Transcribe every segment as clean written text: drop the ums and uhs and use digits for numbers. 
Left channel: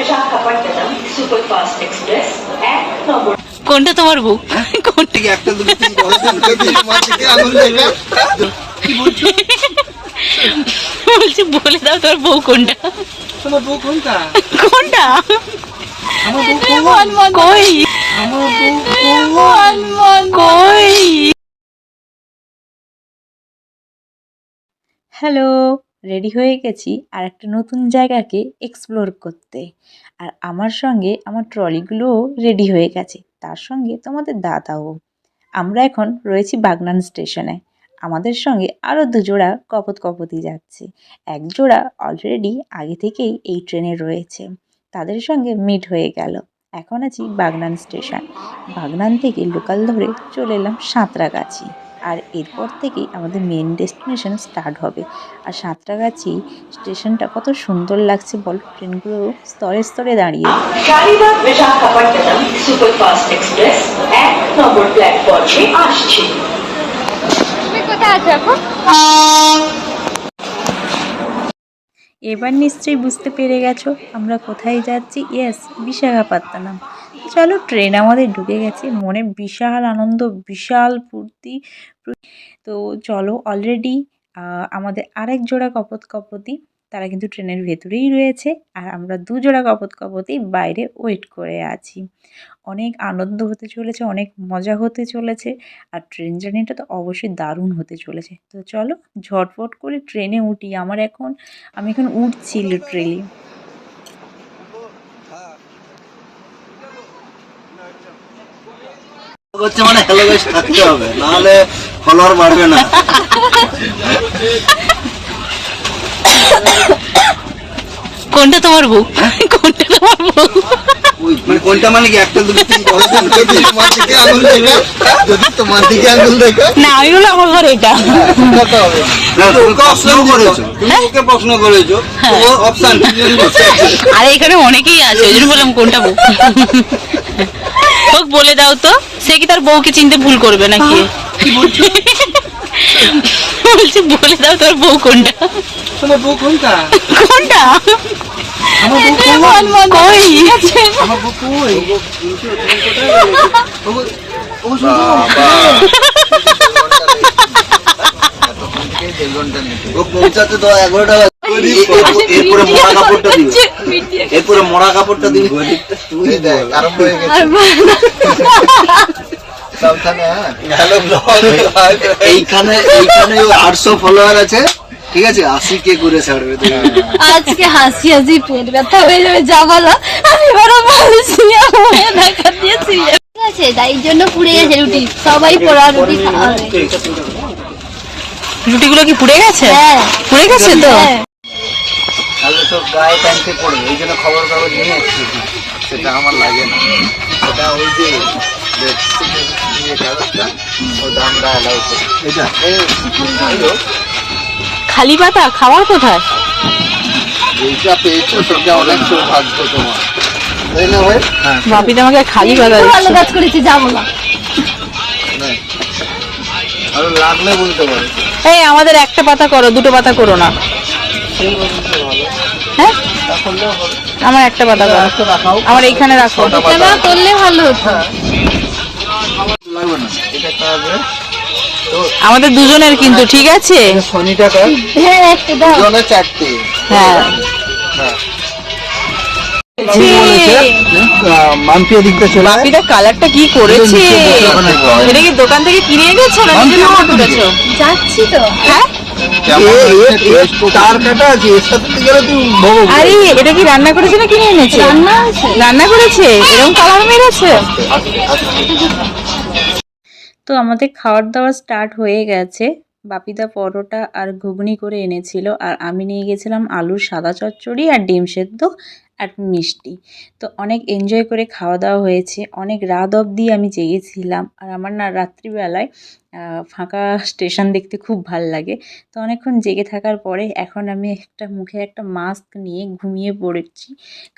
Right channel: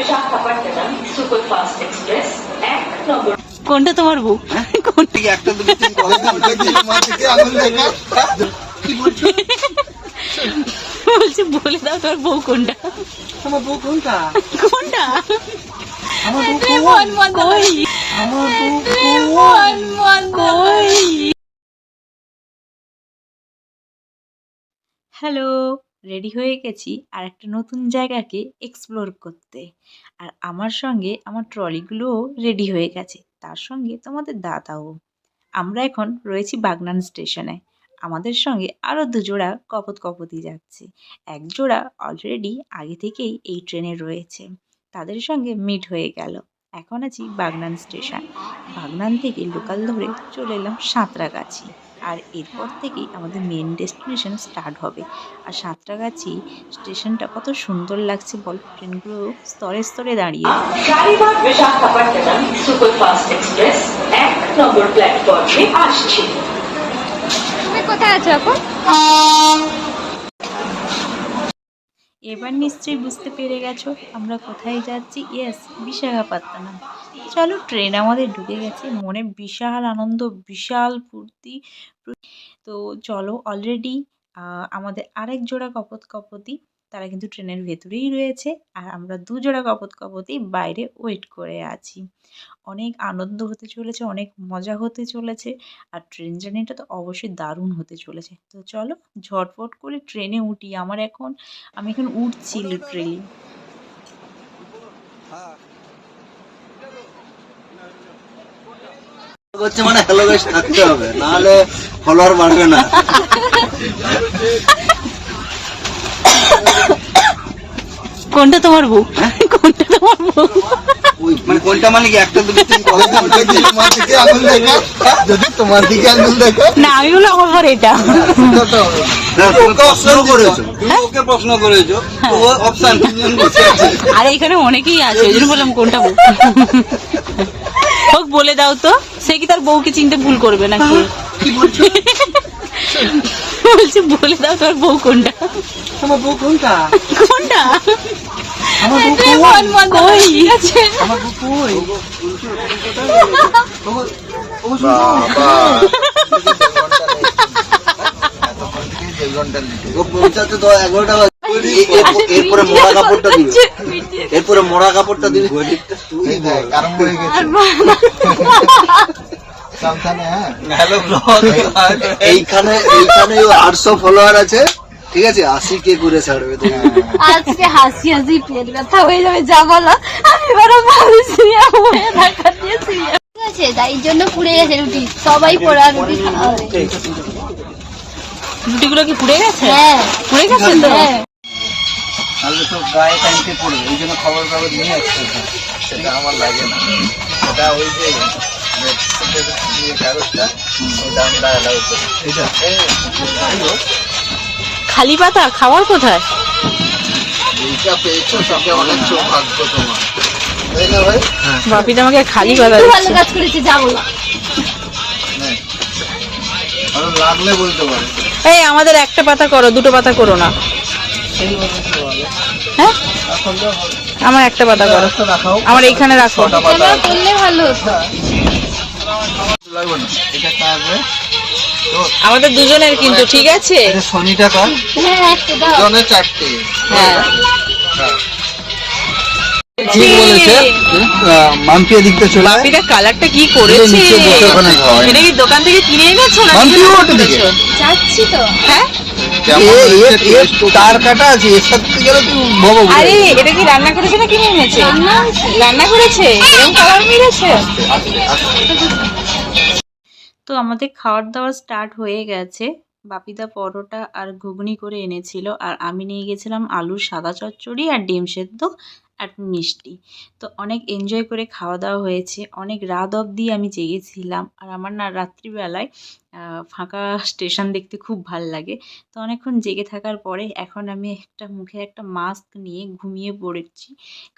Visakhapatnam superfast express 1 নম্বর। কোনটা তোমার বউ? কোনটা? একটা দুটো তিন করে তোমার দিকে আঙুল দেখা কি বলছো? বলছি বলে দাও তোর বউ কোনটা? তোমার বউ কোনটা? কোনটা? আমার বউ কোন? কই আমার বউ কই? হ্যালো, রেডি হয়ে গেছি আর একটা নতুন জায়গাকে এক্সপ্লোর করতে। আর আমার সঙ্গে আমার ট্রলিগুলোও রেডি হয়ে গেছে, তার সঙ্গে তোমাদের দাদাও। আমরা এখন রয়েছি বাগনান স্টেশনে। আমাদের সঙ্গে আরও দুজোড়া কপোত-কপোতি যাচ্ছে। এক জোড়া অলরেডি আগে থেকেই এই ট্রেনে রয়েছে, তাদের সঙ্গে মিট হয়ে গেল। এখন আছি বাগনান স্টেশন। বাগনান থেকে লোকাল ধরে চলে এলাম সাঁতরাগাছি। আর এরপর থেকেই আমাদের মেন ডেস্টিনেশন স্টার্ট হবে। আর সাঁতরাগাছি স্টেশনটা কত সুন্দর লাগছে বল, ট্রেনগুলো স্তরে স্তরে দাঁড়িয়ে। শালিমার বিশাখাপট্টনম সুপারফাস্ট এক্সপ্রেস 1 নম্বর প্ল্যাটফর্মে আসছে। কোথায় আছো এখন? এবার নিশ্চয়ই বুঝতে পেরে গেছো আমরা কোথায় যাচ্ছি। ইয়েস, বিশাখাপত্তনম। চলো, ট্রেন আমাদের ঢুকে গেছে, মনে বিশাল আনন্দ, বিশাল ফুর্তি। তো চলো, অলরেডি আমাদের আরেক জোড়া কপোত-কপোতি তারা কিন্তু ট্রেনের ভেতরেই রয়েছে, আর আমরা দুজোড়া কপোত-কপোতি বাইরে ওয়েট করে আছি। অনেক আনন্দ হতে চলেছে, অনেক মজা হতে চলেছে, আর ট্রেন জার্নিটা তো অবশ্যই দারুণ হতে চলেছে। তো চলো ঝটফট করে ট্রেনে উঠি। আমি এখন উঠছি লিটারেলি। হচ্ছে মানে হ্যালো গাইস থাকতে হবে, নাহলে ফলোয়ার বাড়বে না। কোনটা তোমার বউ? কোনটা তোমার বউ? মানে কোনটা মানে কি একটা দুটো তিন করে তোমার দিকে আঙুল দেখা, যদি তোমার দিকে আঙুল দেখা না, আমি বললাম আমার ঘর এটা। না, তুমি প্রশ্ন করেছো, তুমি ওকে প্রশ্ন করেছো, ও অপশন আর এখানে অনেকেই আছে, ওই জন্য বললাম কোনটা বউ। হোক, বলে দাও তো, সে কি তার বউকে চিনতে ভুল করবে নাকি? কি বলছো? বলছি বলে দাও তোর বউ কোনটা? তোমার বউ কোনটা? কোনটা? আমার বউ কই? আমার বউ কই? ও শুনছো? ও পৌঁছাতে তো 11টা বাজে। এরপরে মরা কাপড়টা দিবে, এরপরে মরা কাপড়টা দিবে। তুই দেখ আরম্ভ হয়ে গেছে। এইখানে 800 ফলোয়ার আছে, ঠিক আছে, 80K করে ছাড়বে। আজকে হাসি হাসি পেট ব্যথা হয়ে যাবে, যা বলো আমি এবারে বলছি ঢাকা দিয়েছি। ঠিক আছে, তাই জন্য পুড়ে গেছে রুটি, সবাই পোড়া রুটি খাওয়া হবে। রুটিগুলো কি পুড়ে গেছে? হ্যাঁ, পুড়ে গেছে তো। তাহলে তো গায়ে টানতে পড়বে, এই জন্য খবর কাগজ নিয়ে আসছে। সেটা আমার লাগে না, ওটা ওই যে কাগজটা, ওটা আমরা অ্যালাউ করি। এটা খালি পাতা খাওয়ার কোথায়? যেটা পেয়েছো সেটা অনেক সৌভাগ্য তোমার, তাই না ভাই? বাপি তো আমাকে খালি পাতা ভালো দিচ্ছে। কাজ করেছি, যা বলো। আরো লাগলে বলতে পারো। এই আমাদের একটা পাতা করো, দুটো পাতা করো না। হ্যাঁ, আমার একটা পাতা করো, আমার এইখানে রাখো। না করলে ভালো হতো। লাগবে না, এটা কাটবে। আমাদের দুজনের কিন্তু, ঠিক আছে? শনি টাকা হ্যাঁ, একটু দাও। জনে 4টে। হ্যাঁ, মাম্পিয়া দিকটা চলে বাপিটা কালারটা কি করেছে! এটা কি দোকান থেকে কিনে এনেছো না নিজে রান্না করেছো? যাচ্ছি তো। হ্যাঁ, তার কাটা আছে, এর সাথে গেলে তুই ভবো। আরে এটা কি রান্না করেছে না কিনে এনেছে? রান্না করেছে, এরকম কালার মেরেছে। তো আমাদের খাওয়ার দাওয়া স্টার্ট হয়ে গেছে। বাপিদা পরোটা আর ঘুগনি করে এনেছিল, আর আমি নিয়ে গেছিলাম আলুর সাদা চচ্চড়ি আর ডিম সেদ্ধ আর মিষ্টি। তো অনেক এনজয় করে খাওয়া দাওয়া হয়েছে, অনেক রাত অবধি আমি জেগেছিলাম। আর আমার না রাত্রিবেলায় ফাঁকা স্টেশন দেখতে খুব ভাল লাগে। তো অনেকক্ষণ জেগে থাকার পরে এখন আমি মুখে একটা মাস্ক নিয়ে ঘুমিয়ে পড়েছি,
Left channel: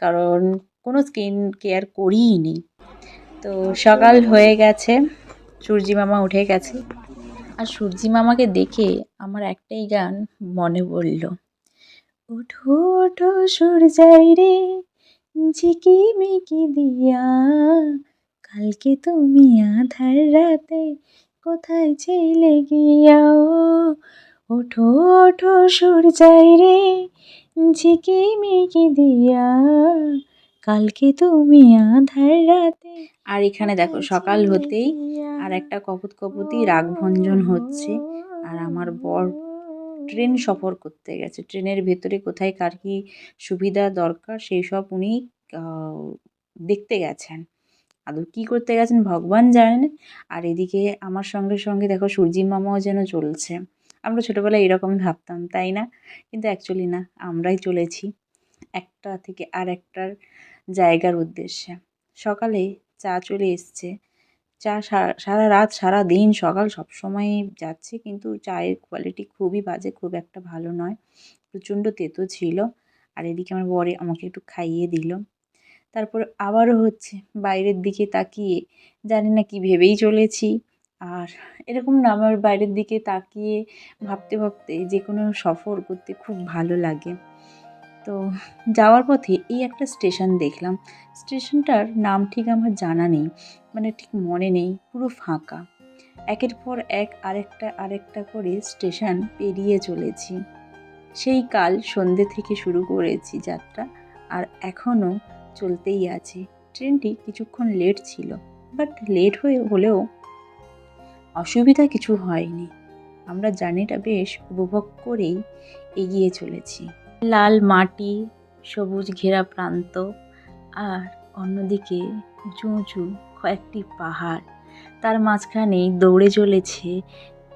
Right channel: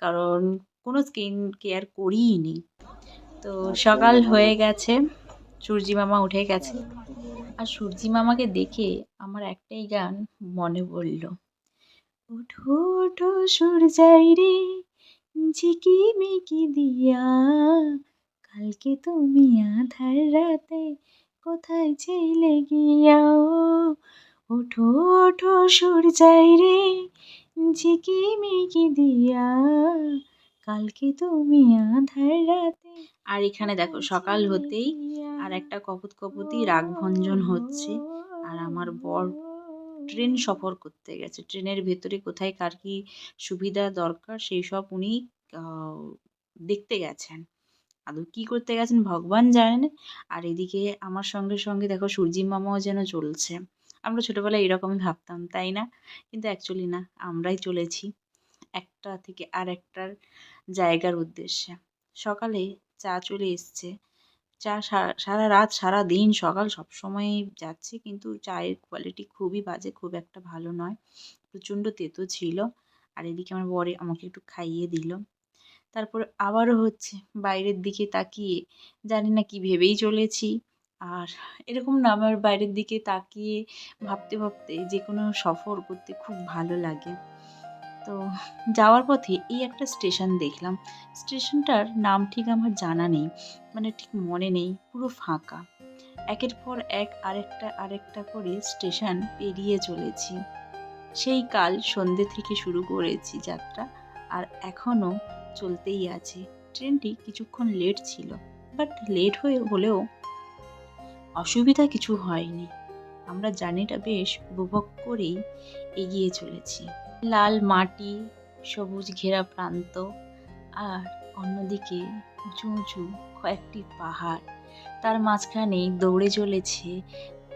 কারণ কোনো স্কিন কেয়ার করিই নি। তো সকাল হয়ে গেছে, সূর্যি মামা উঠে গেছে, আর সূর্যি মামাকে দেখে আমার একটাই গান মনে পড়ল। ওঠো ওঠো সূর্যাই রে, ঝিকিমিকি দিয়া কালকে তুমি আধার রাতে কোথায় ছিলে গিয়া ওঠো ওঠো সূর্যাই রে ঝিকিমিকি দিয়া কালকে তুমি আধার রাতে। আর এখানে দেখো সকাল হতেই আর একটা কপুতী রাগভঞ্জন হচ্ছে। আর আমার বর ট্রেন সফর করতে গেছে, ট্রেনের ভেতরে কোথায় কার কী সুবিধা দরকার সেই সব উনি দেখতে গেছেন। আদৌ কী করতে গেছেন ভগবান জানেন। আর এদিকে আমার সঙ্গে সঙ্গে দেখো সূর্যি মামাও যেন চলছে। আমরা ছোটোবেলায় এরকমই ভাবতাম, তাই না? কিন্তু অ্যাকচুয়ালি না, আমরাই চলেছি একটা থেকে আর একটার জায়গার উদ্দেশ্যে। সকালে চা চলে এসছে, চা সারা রাত সারা দিন সকাল সবসময়ই যাচ্ছে, কিন্তু চায়ের কোয়ালিটি খুবই বাজে, খুব একটা ভালো নয়, প্রচণ্ড তেতো ছিল। আর এদিকে আমার বরে আমাকে একটু খাইয়ে দিল। তারপর আবারও হচ্ছে, বাইরের দিকে তাকিয়ে জানি না কি ভেবেই চলেছি। আর এরকম না, আমার বাইরের দিকে তাকিয়ে ভাবতে ভাবতে যে কোনো সফর করতে খুব ভালো লাগে। তো যাওয়ার পথে এই একটা স্টেশন দেখলাম, স্টেশনটার নাম ঠিক আমার জানা নেই, মানে ঠিক মনে নেই, পুরো ফাঁকা। একের পর এক আরেকটা করে স্টেশন পেরিয়ে চলেছি। সেই কাল সন্ধ্যে থেকে শুরু করেছি যাত্রা, আর এখনও চলতেই আছে। ট্রেনটি কিছুক্ষণ লেট ছিল, বাট লেট হলেও অসুবিধা কিছু হয়নি। আমরা জার্নিটা বেশ উপভোগ করেই এগিয়ে চলেছি। লাল মাটি, সবুজ ঘেরা প্রান্ত, আর অন্যদিকে উঁচু উঁচু কয়েকটি পাহাড়, তার মাঝখানে দৌড়ে চলেছে,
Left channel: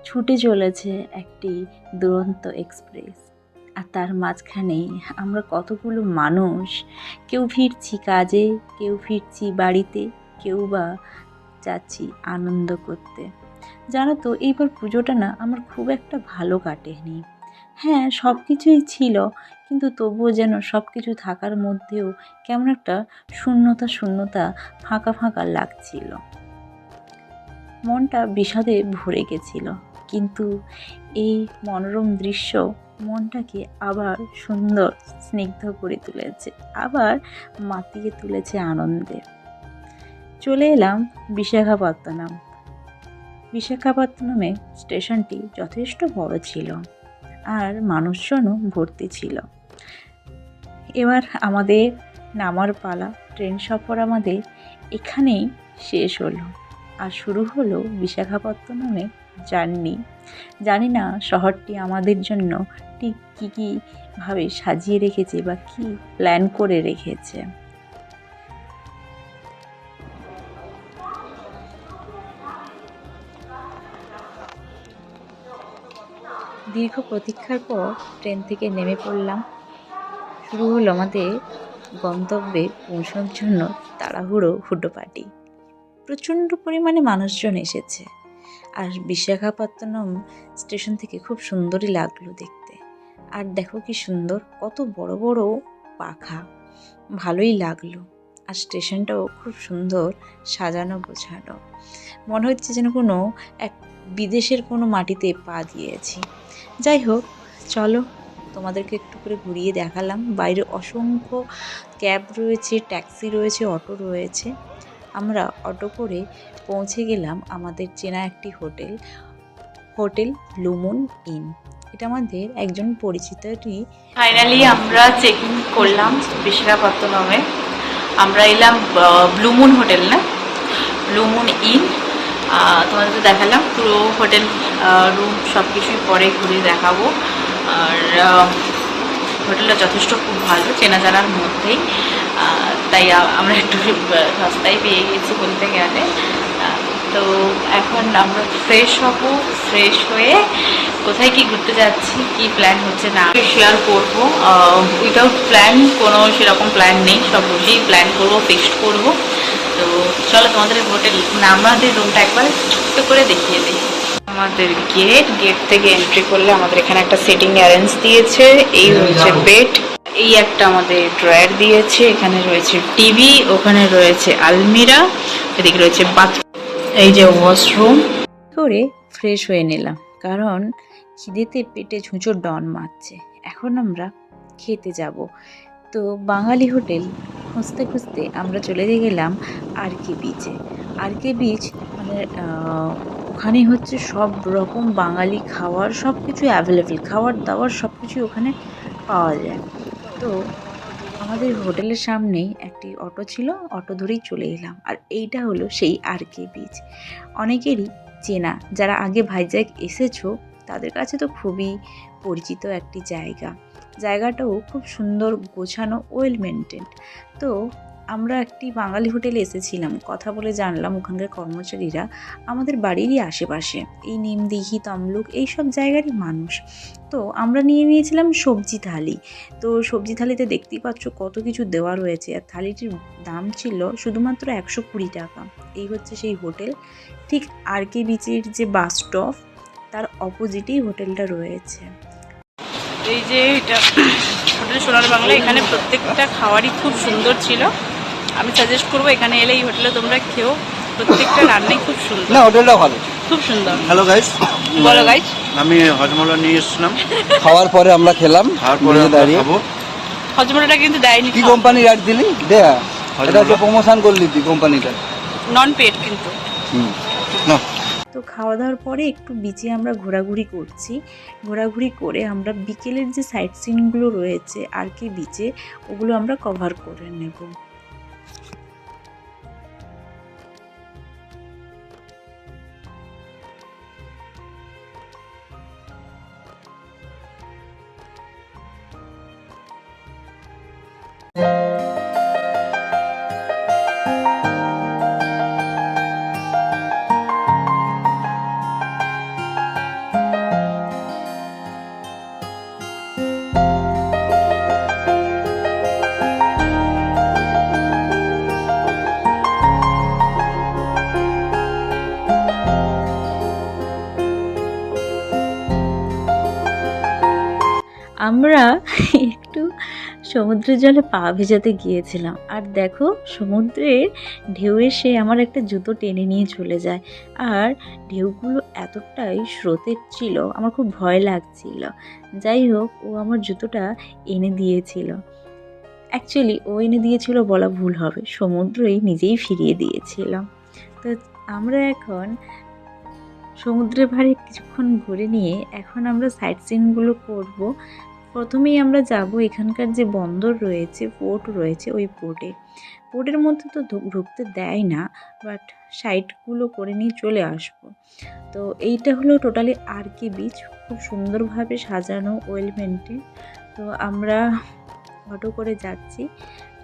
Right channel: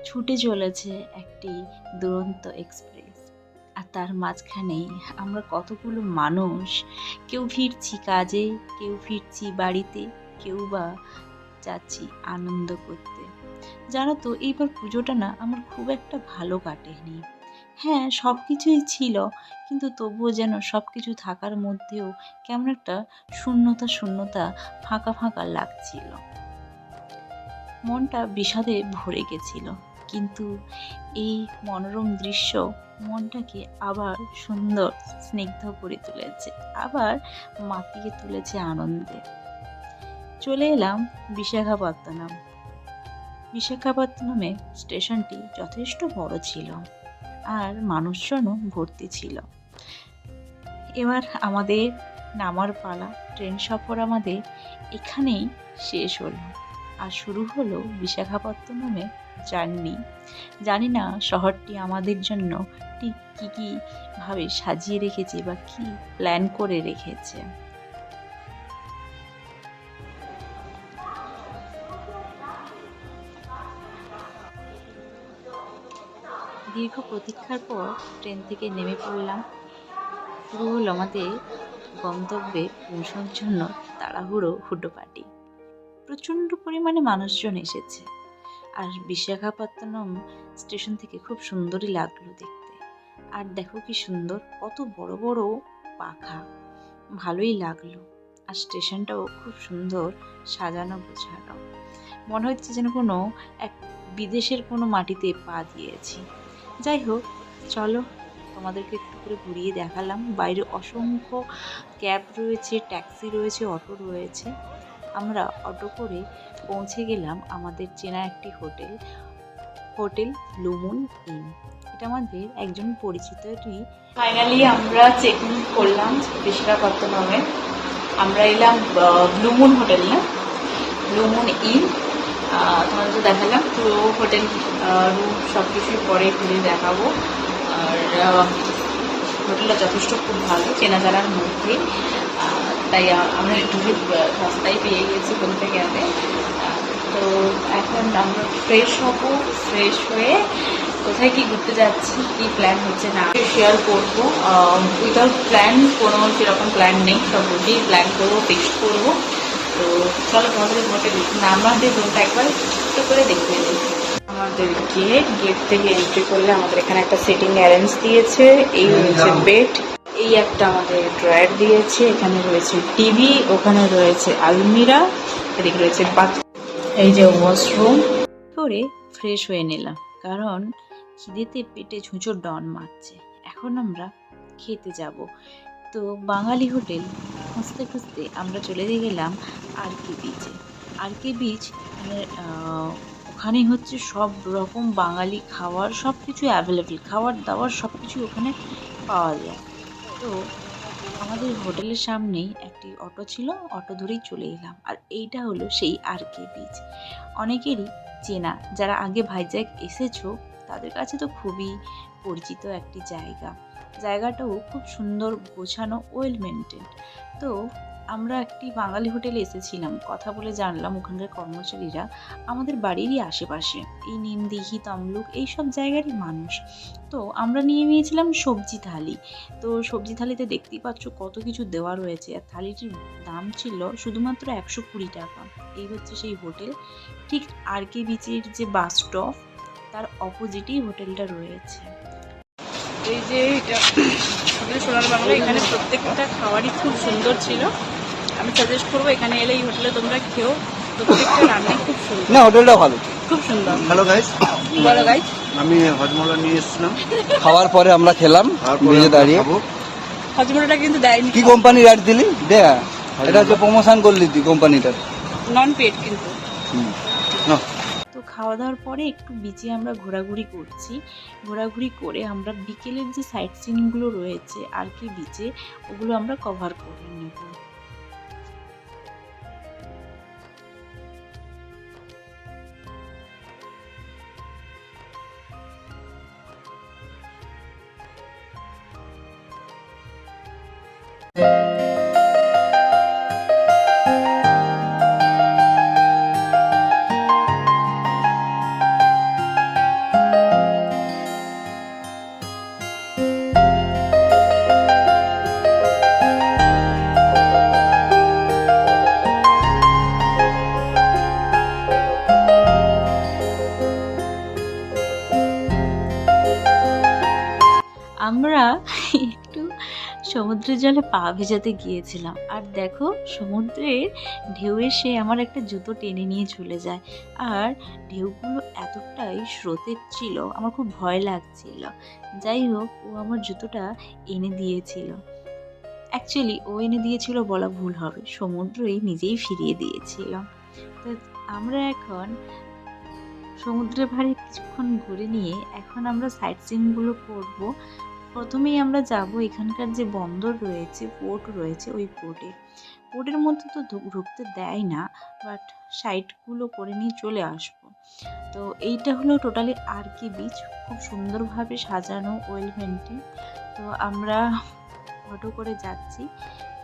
ছুটে চলেছে একটি দুরন্ত এক্সপ্রেস। আর তার মাঝখানে আমরা কতগুলো মানুষ, কেউ ফিরছি কাজে, কেউ ফিরছি বাড়িতে, কেউ বা যাচ্ছি আনন্দ করতে। জানো তো, এইবার পুজোটা না আমার খুব একটা ভালো কাটেনি। হ্যাঁ, সব কিছুই ছিল, কিন্তু তবুও যেন সব কিছু থাকার মধ্যেও কেমন একটা শূন্যতা ফাঁকা লাগছিল। মনটা বিষাদে ভরে গেছিল, কিন্তু এই মনোরম দৃশ্য মনটাকে আবার সুন্দর স্নিগ্ধ করে তুলেছে, আবার মাতিয়ে তুলেছে আনন্দে। চলে এলাম বিশাখাপত্তনমে। স্টেশনটি যথেষ্ট বড় ছিল আর মানুষজনও ভর্তি ছিল। এবার আমাদের নামার পালা। ট্রেন সফর আমাদের এখানেই শেষ হলো, আর শুরু হলো বিশাখাপত্তনমে জার্নি। জানি না শহরটি আমাদের জন্য ঠিক কী ভাবে সাজিয়ে রেখেছে বা কী প্ল্যান করে রেখেছে। দীর্ঘ প্রতীক্ষার পর ট্রেন থেকে নেমে পড়লাম। শুরু হলো আমাদের গন্তব্যে পৌঁছানোর জন্য তাড়াহুড়ো হুটোপাটি। প্রচণ্ড পরিমাণে মানুষজন এসেছে, আর বিশাখাপত্তনম স্টেশন থেকে খুব সুন্দরই লাগলো দেখতে। আর দেখো কি সুন্দর, কত বড় বড় পাখা, ভালোই লাগলো। আর স্টেশনটাও খুব সুন্দর সাজানো গোছানো, মনে হচ্ছে যেন কোনো এক বিদেশের কোনো মাটিতে পা দিয়েছি। যাই হোক, চলো তোমাদেরকে একটু করে ঘুরিয়ে দেখালাম। বাইরে অসংখ্য ক্যাব রয়েছে, ট্যাক্সি রয়েছে, অটো রয়েছে। আমরা অটো করে পৌঁছে গেলাম আমাদের চেনা একটি হোটেল ব্লু মুন ইন। এটা আমাদের একজন পরিচিতই। ফাইনালি আমরা চেক ইন করলাম বিশাখাপত্তনমে। আমরা এলাম ব্লু মুন হোটেল, না ব্লু মুন ইন। তোমাদের তো দেখালাম পুরো হোটেল রুম সব কিছুই পরে ঘুরে দেখাবো। আর হোটেলটা যথেষ্ট খুব ভালো, চেনা জানার মধ্যেই, তাই আমরা একটু সস্তায় পেয়ে গেছি বলতে গেলে। তো এখন আমরা ফ্রেশ হব, ফ্রেশ হয়ে কোথায় কি ঘুরতে যাচ্ছি, কি প্ল্যান হচ্ছে না শেয়ার করবো। উইদাউট প্ল্যান, কোনো সেরকম প্ল্যান নেই, সব বসেই প্ল্যান করবো, ফিক্সড করবো। তো চলো তোমাদের হোটেল আমাদের রুমটা একবার ছোট্ট করে দেখিয়ে দিই। আমাদের গেট থেকে এন্ট্রি করলে আমাদের এখানে একটা সিটিং অ্যারেঞ্জ দিয়েছে। এই হচ্ছে বেড, এই একটা আমাদের ড্রয়ার দিয়েছে, এখানে রয়েছে টিভি, ওখানে রয়েছে আলমিরা, এদিকে রয়েছে বাথরুম, এই যে ওয়াশরুম। করে ফ্রেশ হয়ে নিলাম, কারণ খিদেতে পেটে ঝুঁচো ডন মারছে। এখন আমরা খেতে যাব। তো বাঙালি হোটেল খুঁজতে খুঁজতে আমরা চলে গেলাম আরকে বিচে। আরকে বিচ মানে ওখানে হচ্ছে সব রকম বাঙালি খাওয়ার সব কিছু অ্যাভেলেবেল, খাবার দাবার সব কিছুই ওখানে পাওয়া যায়। তো আমাদের হোটেলের সামনেই একটি অটো ছিল, অটো ধরেই চলে এলাম। আর এইটা হলো সেই আরকে বিচ, অনেকেরই চেনা, যারা আগে ভাইজ্যাগ এসেছো তাদের কাছে তো খুবই পরিচিত একটি জায়গা। জায়গাটাও খুব সুন্দর, গোছানো, ওয়েল মেনটেন্ড। তো আমরা একটি বাঙালি হোটেলে এসেছিলাম, কথা বলে জানলাম ওখানকার কর্মচারীরা আমাদের বাড়িরই আশেপাশে, এই নিমদিঘি, তমলুক এইসব জায়গারই মানুষ। তো আমরা নিয়ে নিয়েছিলাম সবজি থালি। তো সবজি থালিতে দেখতেই পাচ্ছ কত কিছু দেওয়া রয়েছে, আর থালিটির দাম ছিল শুধুমাত্র 120 টাকা। এই হচ্ছে সেই হোটেল, ঠিক আরকে বিচের যে বাস স্টপ তার অপোজিটেই হোটেলটা রয়েছে। এই যে এটা হোটেল সোনার বাংলা, এখানে প্রত্যেকটা খাবারই খুব সুন্দর ছিল। আমি সাজেস্ট করবো এখানে এলে এই হোটেলে তোমরা খেও, প্রত্যেকটা রান্নাই খুব সুন্দর। না, হোটেলটা ভালো, খুব সুন্দর। হ্যালো গাইস, বলো গাইস। আমি হজমলা নিয়ে এসেছিলাম, খাওয়ার পরে আমরা খেলাম, তারপরে নিয়ে দাঁড়িয়ে। খাবো। হজমলাটা কিন্তু দেয়নি, কি কোম্পানি অ্যাড দিলি? দেয়া এটাকে প্রমোশন করলি তুই কোম্পানিটা। নন পেড কিন্তু। না, তো খাওয়া দাওয়ার পরে একটু বিচে আমরা ঘোরাঘুরি করছি। ঘোরাঘুরি করে আমরা বিকেলের যে সাইট সিনগুলো রয়েছে আরকে বিচে, ওগুলো আমরা কভার করে নেব। আমরা একটু সমুদ্রের জলে পা ভেজাতে গিয়েছিলাম, আর দেখো সমুদ্রের ঢেউ এসে আমার একটা জুতো টেনে নিয়ে চলে যায়। আর ঢেউগুলো এতটাই স্রোতের ছিল, আমার খুব ভয় লাগছিল। যাই হোক, ও আমার জুতোটা এনে দিয়েছিল। অ্যাকচুয়ালি ও এনে দিয়েছিল বলা ভুল হবে, সমুদ্রই নিজেই ফিরিয়ে দিয়েছিল। তো আমরা এখন সমুদ্রের ধারে কিছুক্ষণ ঘুরে নিয়ে এখন আমরা সাইট সিনগুলো করব। প্রথমেই আমরা যাব এখানকার যে বন্দর রয়েছে, পোর্ট রয়েছে, ওই পোর্টের মধ্যে তো ঢুকতে দেয় না, বাট সাইটগুলো করে নিয়ে চলে আসব। তো এইটা হলো টোটালি আরকে বিচ, খুব সুন্দরভাবে সাজানো, ওয়েল মেনটেন। তো আমরা অটো করে যাচ্ছি,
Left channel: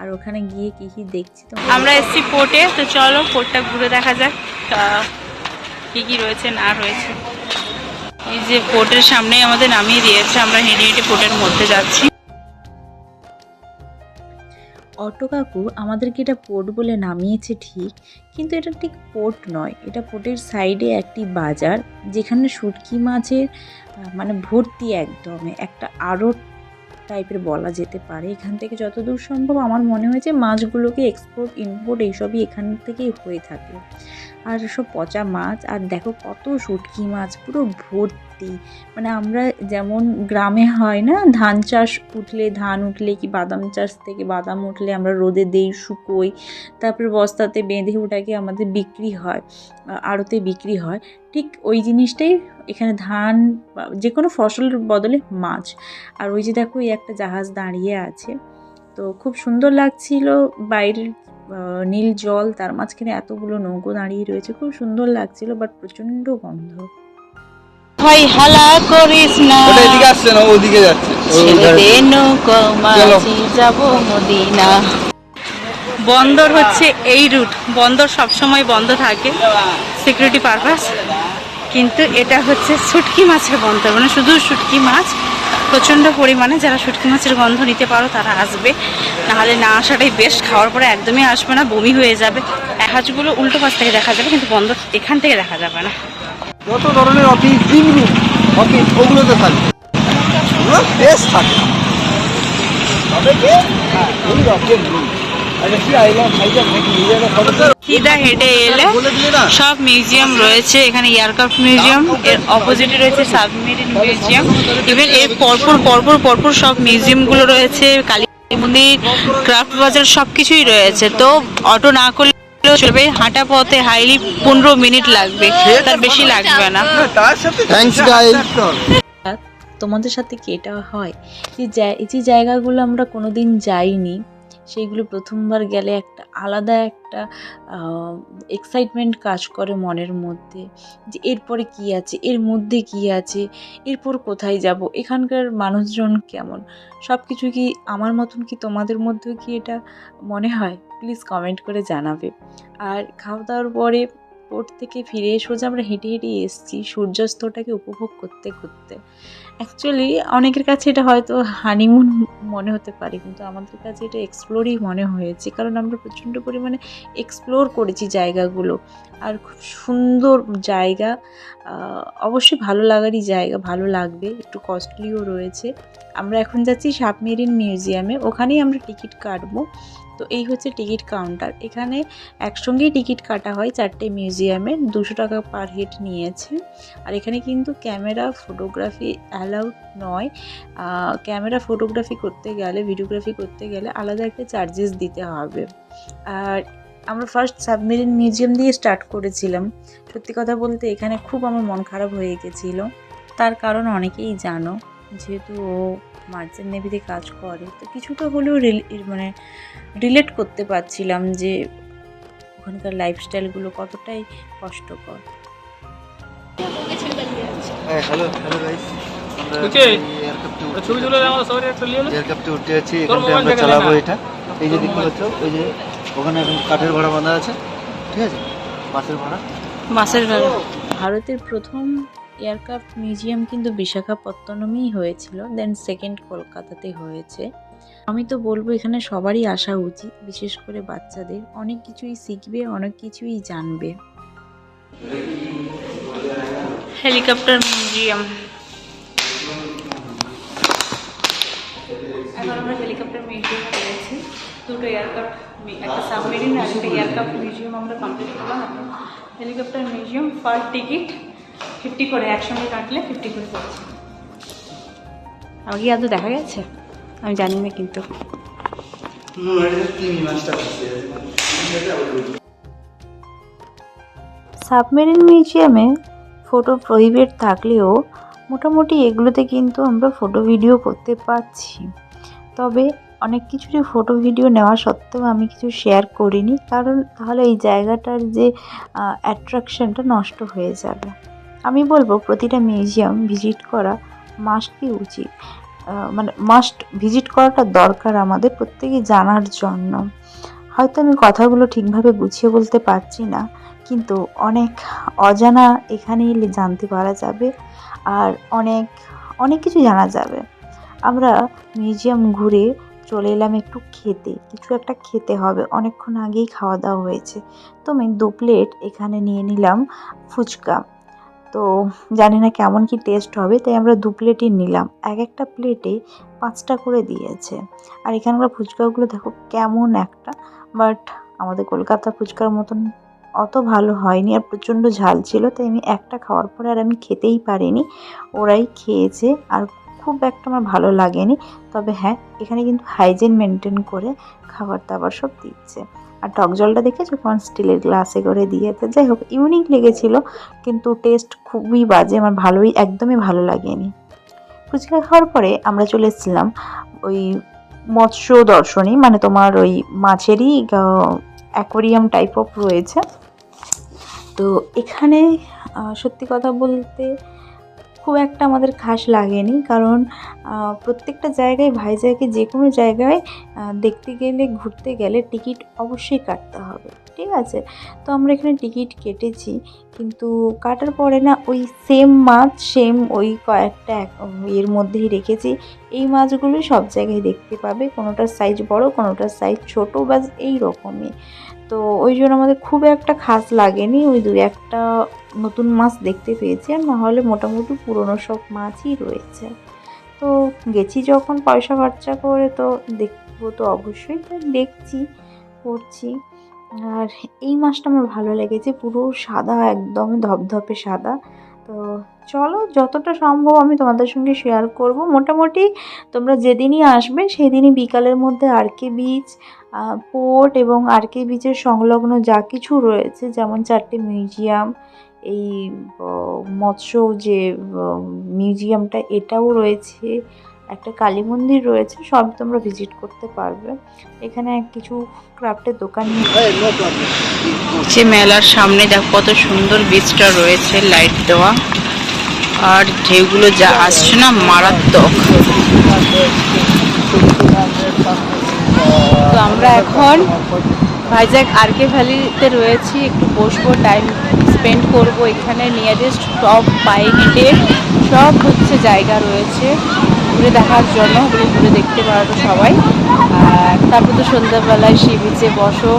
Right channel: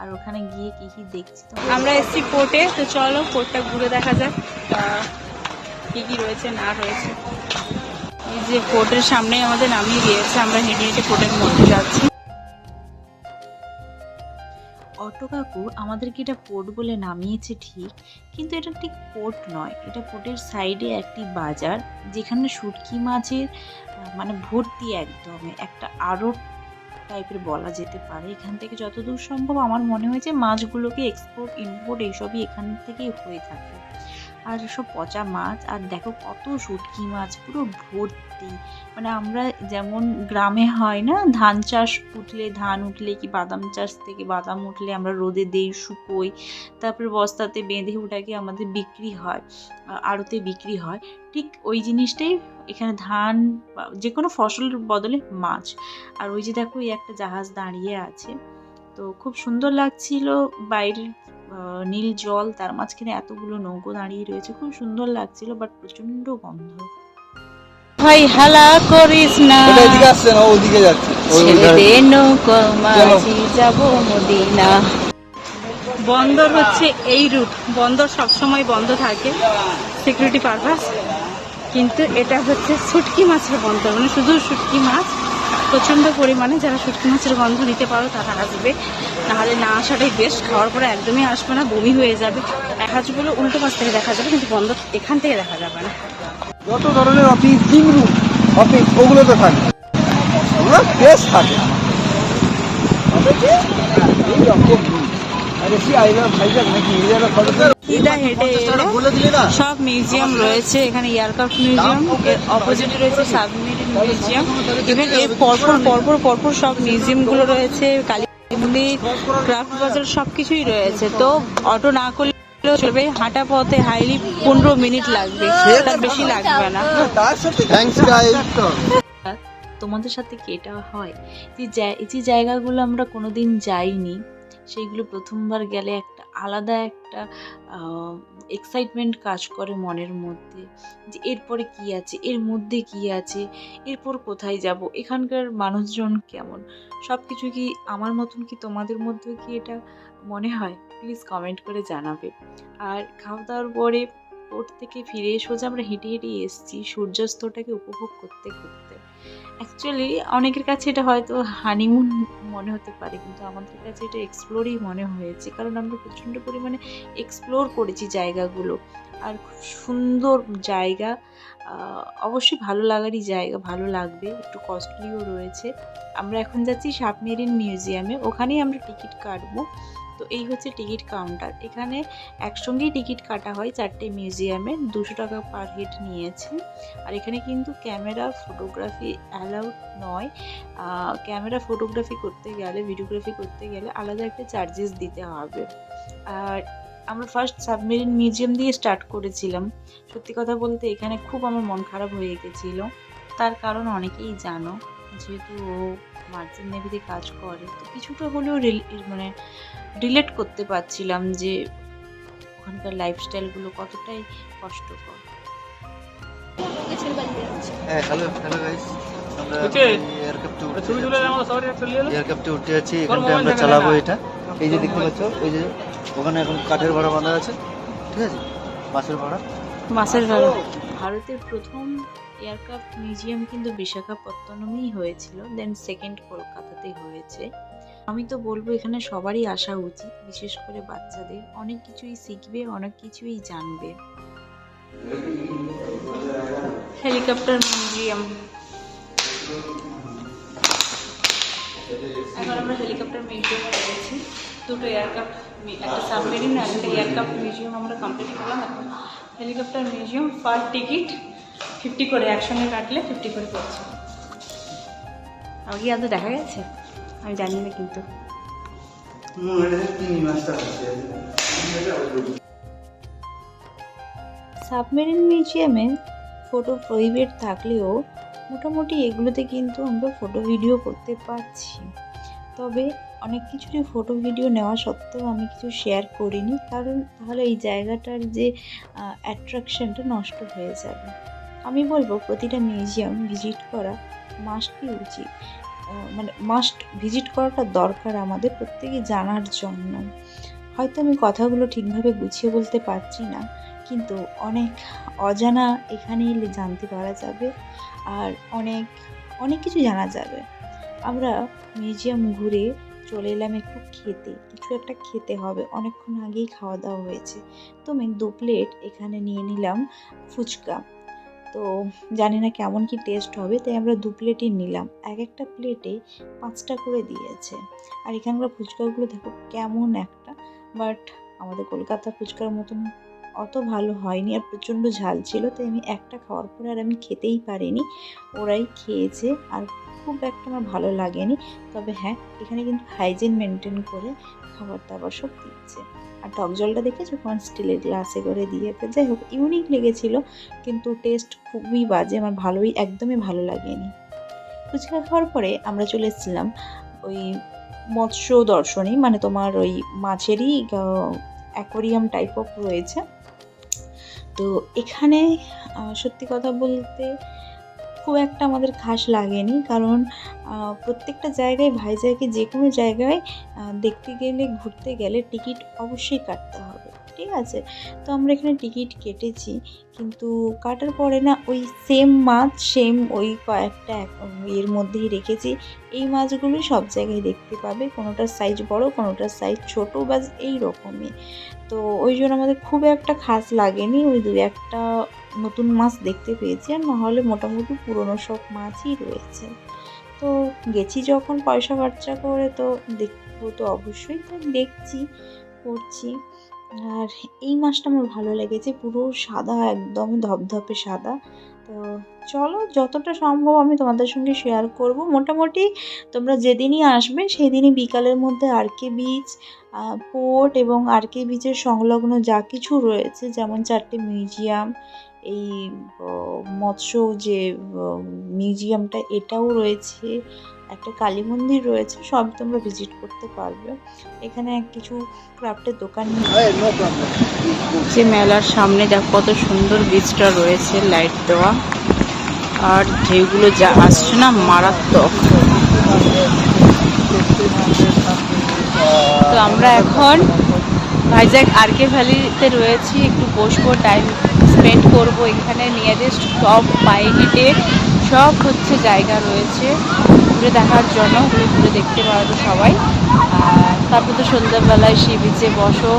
আর ওখানে গিয়ে কী কী দেখছি তো আমরা এসছি পোর্টে, তো চলো পোর্টটা ঘুরে দেখা যাক কি কি রয়েছে না রয়েছে। এই যে পোর্টের সামনে আমাদের নামিয়ে দিয়েছে, আমরা হেঁটে হেঁটে পোর্টের মধ্যে যাচ্ছি। অটো কাকু আমাদেরকে এটা পোর্ট বলে নামিয়েছে ঠিক, কিন্তু এটা ঠিক পোর্ট নয়, এটা পোর্টের সাইডে একটি বাজার, যেখানে শুটকি মাছের মানে ভর্তি, একদম একটা আড়ত টাইপের বলা যেতে পারে। এখান থেকে যতদূর সম্ভব আমার মনে হয়েছে মাছগুলোকে এক্সপোর্ট ইম্পোর্ট এইসবই এখান থেকেই হয়ে থাকে। আর সব পচা মাছ, আর দেখো কত শুটকি মাছ পুরো ভর্তি। মানে আমরা যেমন গ্রামে হয় না, ধান চাষ উঠলে, ধান উঠলে কি বাদাম চাষ থেকে বাদাম উঠলে আমরা রোদে দেই, শুকোই, তারপরে বস্তাতে বেঁধে ওটাকে আমাদের বিক্রি হয়, আড়তে বিক্রি হয়, ঠিক ওই জিনিসটাই এখানে ধান বা যে কোনো ফসলের বদলে মাছ। আর ওই যে দেখো এই একটা জাহাজ দাঁড়িয়ে আছে, তো খুব সুন্দর লাগছিল। বাইরের নীল জল, তার মাঝখানে এতগুলো নৌকো দাঁড়িয়ে রয়েছে, খুব সুন্দর লাগছিল, বাট প্রচণ্ড গন্ধ। ভাই হালা করিস না, ওটা এদিকে আসছে না, ওদিকে যাচ্ছে। যাব মদিনা। বন্দর হচ্ছে এই রুট, বন্দর সবসময় বন্ধ থাকে সিকিউরিটি পারপাস, কিন্তু এটা হচ্ছে শুটকি মাছের বন্দর, মানে শুধু শুটকি মাছ প্রচণ্ড পরিমাণে। যারা শুটকি মাছের গন্ধ নিতে পারো তারা আসবে, নাহলে না আসাটাই বেস্ট। খাওয়ার পরে একদমই আসবে না, বমি হয়ে যাবে। জাহাজগুলো উল্টো পাশ থেকে দেখা যাবে, কিন্তু বন্দর এখান থেকে দেখা যাবে না। যত ধরনের অফিস, অফিস ওগুলোতে থাকে, ওগুলো বেশ থাকে। সিধা হেঁটে এলে সব মিউজিয়াম রয়েছে এখানে। এয়ারক্রাফট মিউজিয়াম, এর অপোজিটে রয়েছে সাবমেরিন মিউজিয়াম, ইভেন এর পরপর সব মিউজিয়ামগুলো রয়েছে। কালী এমনি ক্রাফট বাজার সব কিছুই রয়েছে, তো অটো না করলেও চলবে, হাঁটা পথে হাইলি 15 মিনিট লাগবে, তার বেশি লাগবে না। Thanks guys. তোমাদের সাথে কি এটা হয় এই যে জায়গাগুলো আমরা কোনোদিন যাইনি, সেইগুলো প্রথমবার গেলে একটা আলাদা একটা এক্সাইটমেন্ট কাজ করে মনের মধ্যে, যে এরপরে কি আছে, এর মধ্যে কি আছে, এরপর কোথায় যাব, এখানকার মানুষজন কেমন, সব কিছু কি আমার মতন কি তোমাদের মধ্যেও কি এটা মনে হয়? প্লিজ কমেন্ট করে জানাবে। আর খাওয়া দাওয়ার পরে ওর থেকে ফিরে সোজা আমরা হেঁটে হেঁটে এসেছি সূর্যাস্তটাকে উপভোগ করতে করতে। অ্যাকচুয়ালি অনেকের কাছে এটা হয়তো হানিমুন মনে হতে পারে, কিন্তু আমাদের কাছে এটা এক্সপ্লোরই মনে হয়েছে, কারণ আমরা প্রচণ্ড পরিমাণে এক্সপ্লোর করেছি জায়গাগুলো। আর খুব সুন্দর জায়গা, অবশ্যই ভালো লাগারই জায়গা, ভালো লাগবে, একটু কস্টলিও রয়েছে। আমরা এখন যাচ্ছি সাবমেরিন মিউজিয়ামে, ওখানেই আমরা টিকিট কাটবো। তো এই হচ্ছে টিকিট কাউন্টার, এখানে একসঙ্গেই টিকিট কাটা হয় 4টে মিউজিয়ামে, 200 টাকা পার হেড নিয়েছে। আর এখানে কিন্তু ক্যামেরা ফটোগ্রাফি অ্যালাউড নয়, ক্যামেরা ফটোগ্রাফি করতে গেলে, ভিডিওগ্রাফি করতে গেলে আলাদা একটা চার্জেস দিতে হবে। আর আমরা ফার্স্ট সাবমেরিন মিউজিয়াম দিয়ে স্টার্ট করেছিলাম। সত্যি কথা বলতে এখানে খুব আমার মন খারাপ হয়ে গেছিলো, তার কারণ অনেকেই জানো, যেহেতু ও মার্চেন্ট নেভিতে কাজ করে, তো কিছুটা হলেও মানে রিলেট করতে পারছিলাম যে ওখানকার লাইফস্টাইলগুলো কতটাই কষ্টকর। হ্যালো গাইস, আমরা এয়ারক্রাফটে উঠে আছি, এখানটায় আমরা চালাবো এটা। এই যে দেখতে পাচ্ছ, ওই যে ওখানে এখন কাঠের ঘোড়া বাঁধা আছে, ঠিক আছে, বাসের ঘোড়া। ভারতের প্রথম এয়ারক্রাফট মিউজিয়াম কিন্তু বিশাখাপত্তনমেই হয়েছিল, দেন সেকেন্ড কলকাতাতে হয়েছে। আমি তো বলবো এখানে সবারই আসা উচিত, বিশেষ করে বাচ্চাদের, অনেক কিছুই শিখবে, অনেক কিছুই জানবে। হেলিকপ্টার মিউজিয়াম, এখন আমরা হেলিকপ্টার মিউজিয়ামে রয়েছি। দুটো এয়ারক্রাফট, একটা সাবমেরিন আর একটা এয়ারক্রাফট মিউজিয়াম আমরা কমপ্লিট করলাম। এখন হেলিকপ্টার মিউজিয়াম পার টিকিট 50 করে, একসঙ্গে কাটলে 50 করে পড়ছে। আমাকে আদৌ দেখা গেছে আমি জানি না, কিন্তু সাবমেরিন মিউজিয়ামে ফটো প্রহিবিট থাকলেও মোটামুটি এগুলোতে কিন্তু আমরা ফটো ভিডিও করতে পারছি। তবে অনেক কিছুরই ফটো ভিডিও নেওয়া সত্ত্বেও আমি কিছু শেয়ার করিনি, কারণ তাহলে এই জায়গাটার যে অ্যাট্রাকশনটা নষ্ট হয়ে যাবে। আমি বলবো প্রতিটা মিউজিয়াম ভিজিট করা মাস্টই উচিত, মানে মাস্ট ভিজিট করাটা দরকার আমাদের প্রত্যেকেই জানার জন্য। হয়তো আমি কথাগুলো ঠিকভাবে গুছিয়ে বলতে পারছি না, কিন্তু অনেক অজানা এখানে এলে জানতে পারা যাবে, আর অনেক অনেক কিছু জানা যাবে। আমরা মিউজিয়াম ঘুরে চলে এলাম একটু খেতে, কিছু একটা খেতে হবে, অনেকক্ষণ আগেই খাওয়া দাওয়া হয়েছে। তো আমি 2 প্লেট এখানে নিয়ে নিলাম ফুচকা। তো জানি না কেমন কি টেস্ট হবে, তাই আমরা 2 প্লেটই নিলাম। একটা প্লেটে 5টা করে দিয়েছে। আর এখানকার ফুচকাগুলো দেখো কেমন একটা, বাট আমাদের কলকাতা ফুচকার মতন অত ভালো হয়নি, আর প্রচণ্ড ঝাল ছিল, তাই আমি একটা খাওয়ার পরে আর আমি খেতেই পারিনি, ওরাই খেয়েছে, আর খুব একটা আমার ভালো লাগেনি। তবে হ্যাঁ, এখানে কিন্তু হাইজিন মেনটেন করে খাবার দাবার সব দিচ্ছে। আর টক জলটা দেখেছো কোন স্টিলের গ্লাসে করে দিয়েছে, যাই হোক ইউনিক লেগেছিলো, কিন্তু টেস্ট খুবই বাজে, আমার একদমই ভালো লাগেনি। ফুচকা খাওয়ার পরে আমরা চলে এসেছিলাম ওই মৎস্য দর্শনী, মানে তোমার ওই মাছেরই অ্যাকোয়ারিয়াম টাইপ অফ রয়েছে। তো এখানে সত্যি কথা বলতে খুব একটা আমাদের খাস লাগেনি, কারণ প্রত্যেকটা জায়গায় ভাইজ্যাগে যে কোনো জায়গায় দেখতে গেলে, ঘুরতে গেলে টিকিট অবশ্যই কাটতে হবে, ঠিক আছে। তো আমরা এখানে টিকিট কেটেছি, কিন্তু কাটার পরে না ওই সেম মাছ, সেম ওই কয়েকটা এর মধ্যেই রেখেছি, এই মাছগুলোই সব জায়গায় দেখতে পাবে, কোনোটার সাইজ বড়, কোনোটার সাইজ ছোটো, বাস এই রকমই। তো ওই জন্য আমাদের খুব একটা খাস লাগেনি, ওই 2-1টা নতুন মাছ দেখতে পেয়েছি, আর নাহলে মোটামুটি পুরনো সব মাছই রয়েছে। তো গেছি যখন পয়সা খরচা করে, তো দেখবো তো অবশ্যই, তাই দেখছি করছি। আর এই মাছটা আমার ভালো লেগেছে, পুরো সাদা, একদমই ধপধপে সাদা, তো চলো, যতটা সম্ভব আমি তোমাদের সঙ্গে শেয়ার করব। মোটামুটি তোমরা যেদিনই আসবে সেদিনই বিকালের মধ্যে আরকে বিচ, পোর্ট এবং আরকে বিচের সংলগ্ন যা কিছু রয়েছে, যেমন 4টে মিউজিয়াম, এই মৎস্য যে মিউজিয়ামটা এটাও রয়েছে, একটা কালী মন্দির রয়েছে, সব তোমরা ভিজিট করতে পারবে। এখানে কিছু ক্রাফটের দোকান যে মেলার সামনে দেখো কত সুন্দর বীজটা রয়েছে, লাইট দেওয়া, আর ঢেউগুলো যা আসছে না মারাত্মক। তো আমরা এখন ভাইজ্যাক আরকে ভ্যালিতে রয়েছি, একটু বসবো, টাইম স্পেন্ড করব এখানে। নিয়ারেস্ট সব পায়ে হেঁটে সব হচ্ছে জায়গা রয়েছে ঘুরে দেখার জন্য, ওগুলো ঘুরে দেখতে পারো সবাই। আর তারপর তো সন্ধ্যাবেলায় সি বিচে বসো,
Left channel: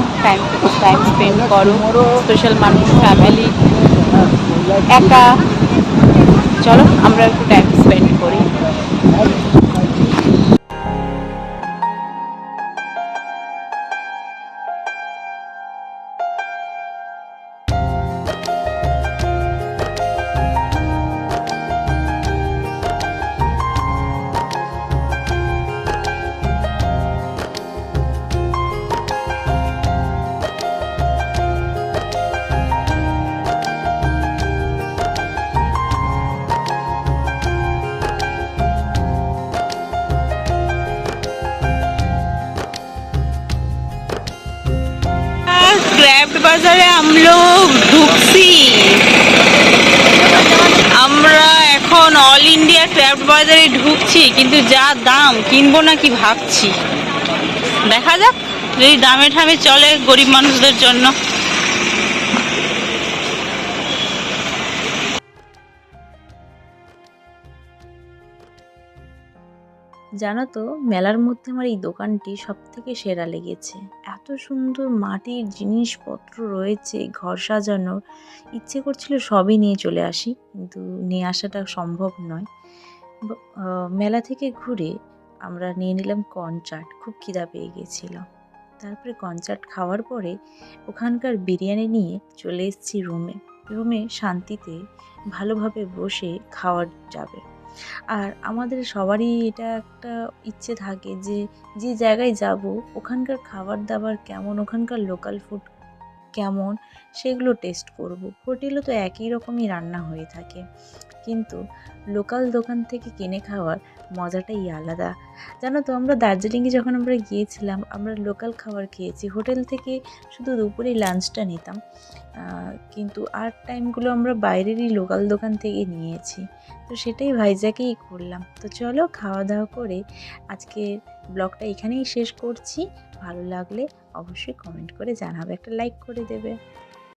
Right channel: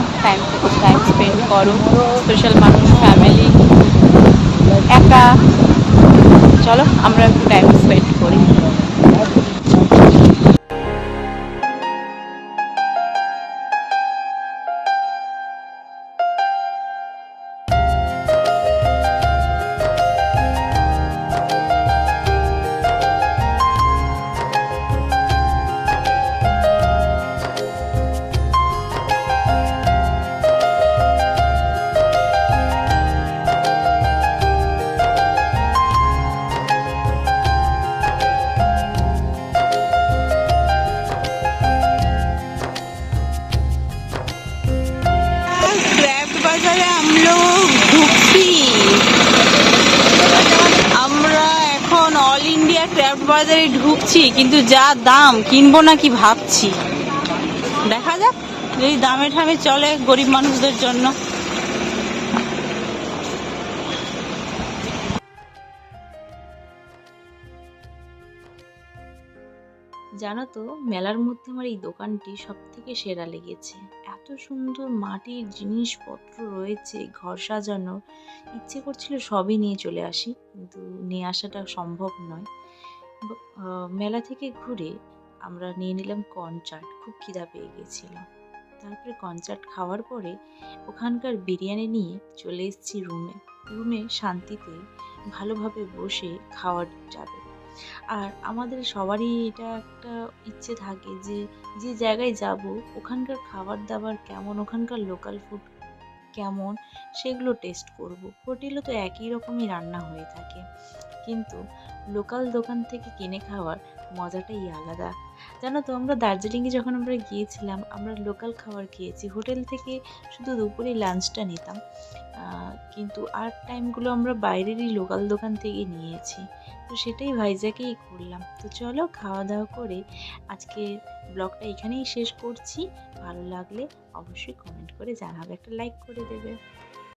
টাইম স্পেন্ড করো, স্পেশাল মানুষ, ফ্যামিলি, একা। চলো আমরা একটু টাইম স্পেন্ড করি। ক্রাফট বাজারে আমরা ঢুকছি। আমরা এখন অল ইন্ডিয়া ক্রাফট বাজারে ঢুকছি, কিন্তু যা দাম কিনবো না কি ভাবছি, দেখা যাক যদি দামে ঠামে চলে গরিব মানুষদের জন্য। জানো তো, মেলার মধ্যে আমার এই দোকানটি সব থেকে সেরা লেগেছে। এত সুন্দর মাটির জিনিসপত্র রয়েছে, ঘর সাজানোর, ইচ্ছে করছিল সবই নিয়ে চলে আসি, কিন্তু নিয়ে আসাটা সম্ভব নয়। মেলা থেকে ঘুরে আমরা নিয়ে নিলাম কর্ন চাট, খুব খিদা পেয়ে গেছিল। তারপরে কর্ন চাট খাওয়ার পরে ওখানকার বিরিয়ানি নিয়ে চলে এসেছি রুমে শান্তিতে ভালোভাবে বসে খাওয়া যাবে। আর আমাদের সবারই এটা একটা ইচ্ছে থাকে যে যে জায়গায় যাব ওখানকার খাবার দাবার কেমন, ওখানকার লোকাল ফুড কেমন, সেগুলো টেস্ট করব। হোটেলে তো একই রকমই রান্না হয়ে থাকে, কিন্তু লোকাল দোকান থেকে কিনে খাওয়ার মজাটাই আলাদা। জানো তো, আমরা দার্জিলিংয়ে যখন আমরা গিয়েছিলাম আমরা লোকাল খাবার খেয়েছি, হোটেল থেকে শুধু দুপুরে লাঞ্চটা নিতাম, কিন্তু আর টাইমগুলো আমরা বাইরেরই লোকাল দোকান থেকে নিয়েছি। তো সেটাই ভাইজ্যাকেই করলাম। তো চলো, খাওয়া দাওয়া করে আজকে ব্লগটা এখানেই শেষ করছি। ভালো লাগলে অবশ্যই কমেন্ট করে জানাবে, একটা লাইক করে দেবে।